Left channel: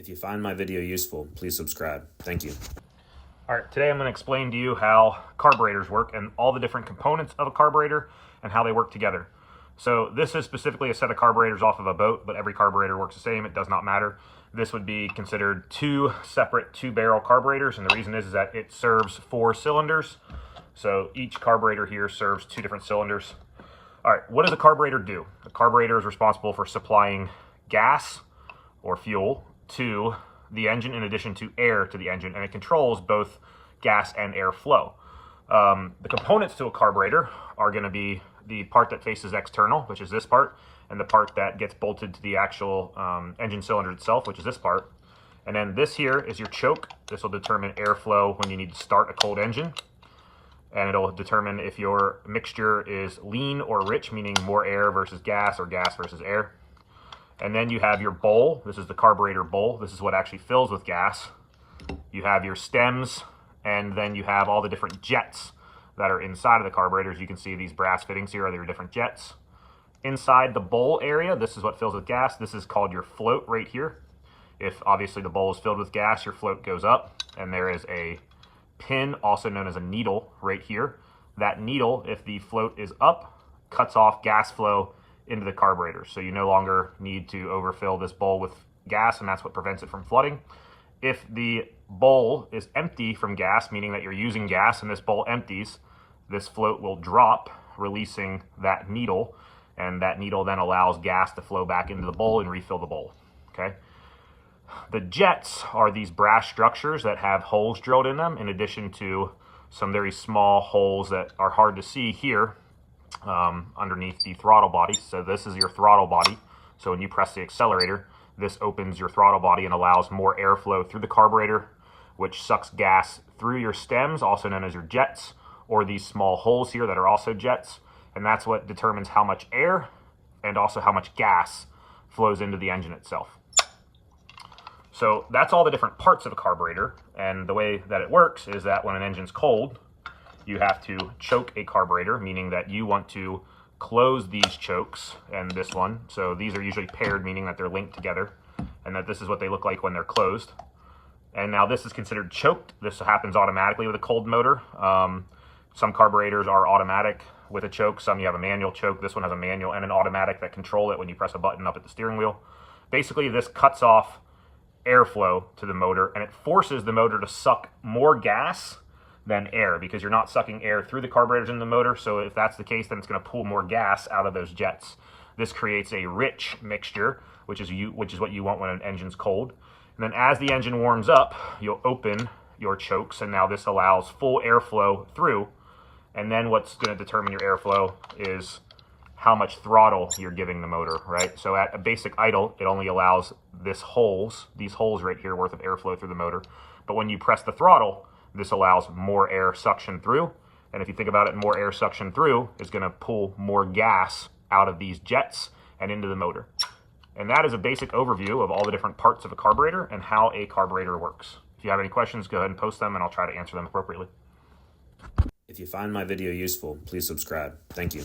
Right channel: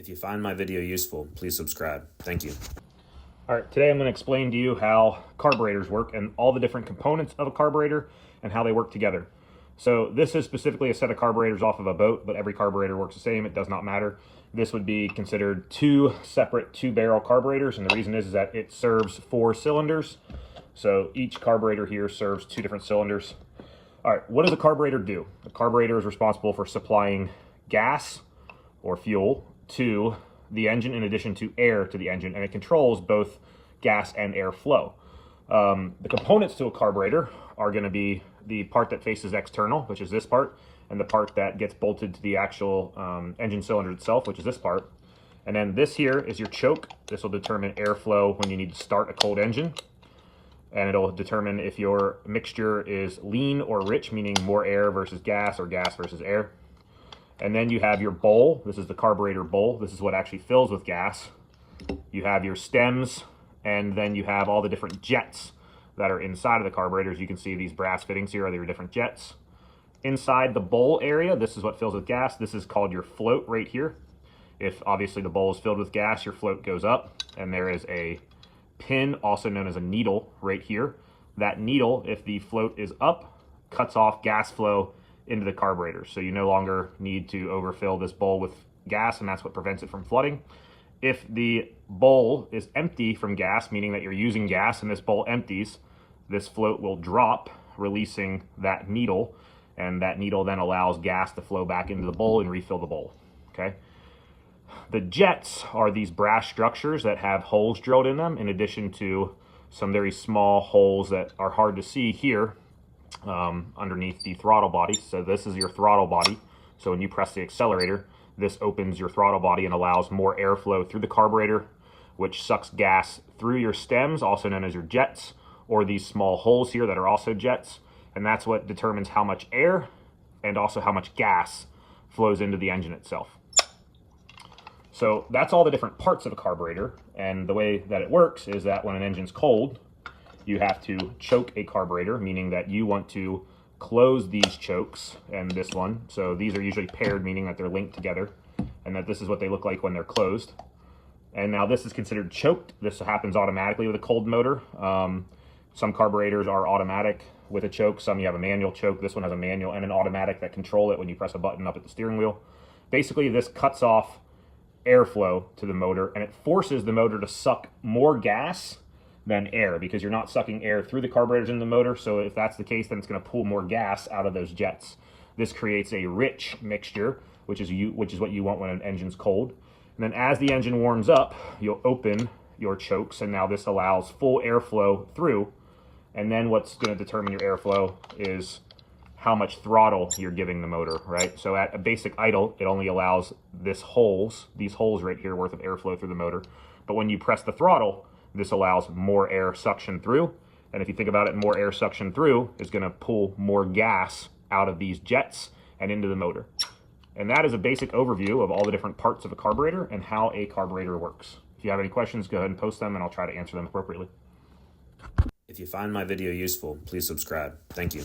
If you find my video useful, please subscribe. Thank you. All right, today I'm going to explain to you how carburetors work and all the different components of a carburetor and how they work together. So this is specifically a set of carburetors off of a boat, but every carburetor works the same. It does not matter. This would be considered two separate two-barrel carburetors, and the reason is that it serves 4 cylinders. So each carburetor here serves 2 different cylinders. All right, what does a carburetor do? The carburetor is responsible for supplying gas or fuel to the engine in addition to air to the engine, and it controls both gas and air flow. The components to a carburetor are going to be the part that faces external, which is this part, and the part that gets bolted to the actual engine cylinder itself, which is this part. And then this here is your choke. This will determine airflow when you need to start a cold engine. And it'll determine if your mixture is lean or rich, meaning more air versus gas or gas versus air. And then you have your bowl. This is the carburetor bowl. This is what actually fills with gas. You have your stems, and then you have all the different jets that are inside of the carburetors. You can see these brass fittings here are your different jets. Inside the bowl area, this is what fills with gas. This is called your float right here. If obviously the bowl is filled with gas, your float goes up, and there is a pin, also known as a needle, right here. That needle, if the float is up, cuts off gas flow into the carburetor. So you no longer need to overfill this bowl with gas, and that's what prevents it from flooding. If the bowl is empty from gas, meaning that you're using gas and this bowl empties, this float will drop, releasing that needle, and that needle then allows gas to flow back into the bowl and refill the bowl, okay? The jets are these brass structures that have holes drilled in them, in addition to some very small holes that are hard to see here underneath the throttle body. So this is your throttle body. So when you press the accelerator, this opens your throttle body and allows more airflow through the carburetor, which sucks gas through your stems, also known as your jets, or these small holes here that are also jets. And that's what determines how much air and also how much gas flows into the engine itself. So that's all the different parts of a carburetor. And the way that it works is that when an engine's cold, you have to choke a carburetor, meaning that you want to close these chokes and this one. So these are usually paired, meaning that they're linked together, and that this is what they look like when they're closed. And now this is considered choked. This happens automatically with a cold motor. Some carburetors are automatic with a choke. Some you have a manual choke. This one has a manual and an automatic that control it when you press a button up at the steering wheel. Basically, this cuts off airflow to the motor, and it forces the motor to suck more gas than air, because you're not sucking air through the carburetors in the motor. So if that's the case, then it's going to pull more gas out of those jets. This creates a rich mixture, which is what you want when an engine's cold. And then as the engine warms up, you'll open your chokes, and now this allows full airflow through. And then what's going to determine your airflow is how much throttle you're giving the motor, right? So at a basic idle, it only allows these holes right here worth of airflow through the motor. But when you press the throttle, this allows more air suction through. And if you think about it, more air suction through is going to pull more gas out of these jets and into the motor. And that is a basic overview of all the different parts of a carburetor and how a carburetor works. If you have any questions, go ahead and post them, and I'll try to answer them appropriately. If you find my video useful, please subscribe. Thank you.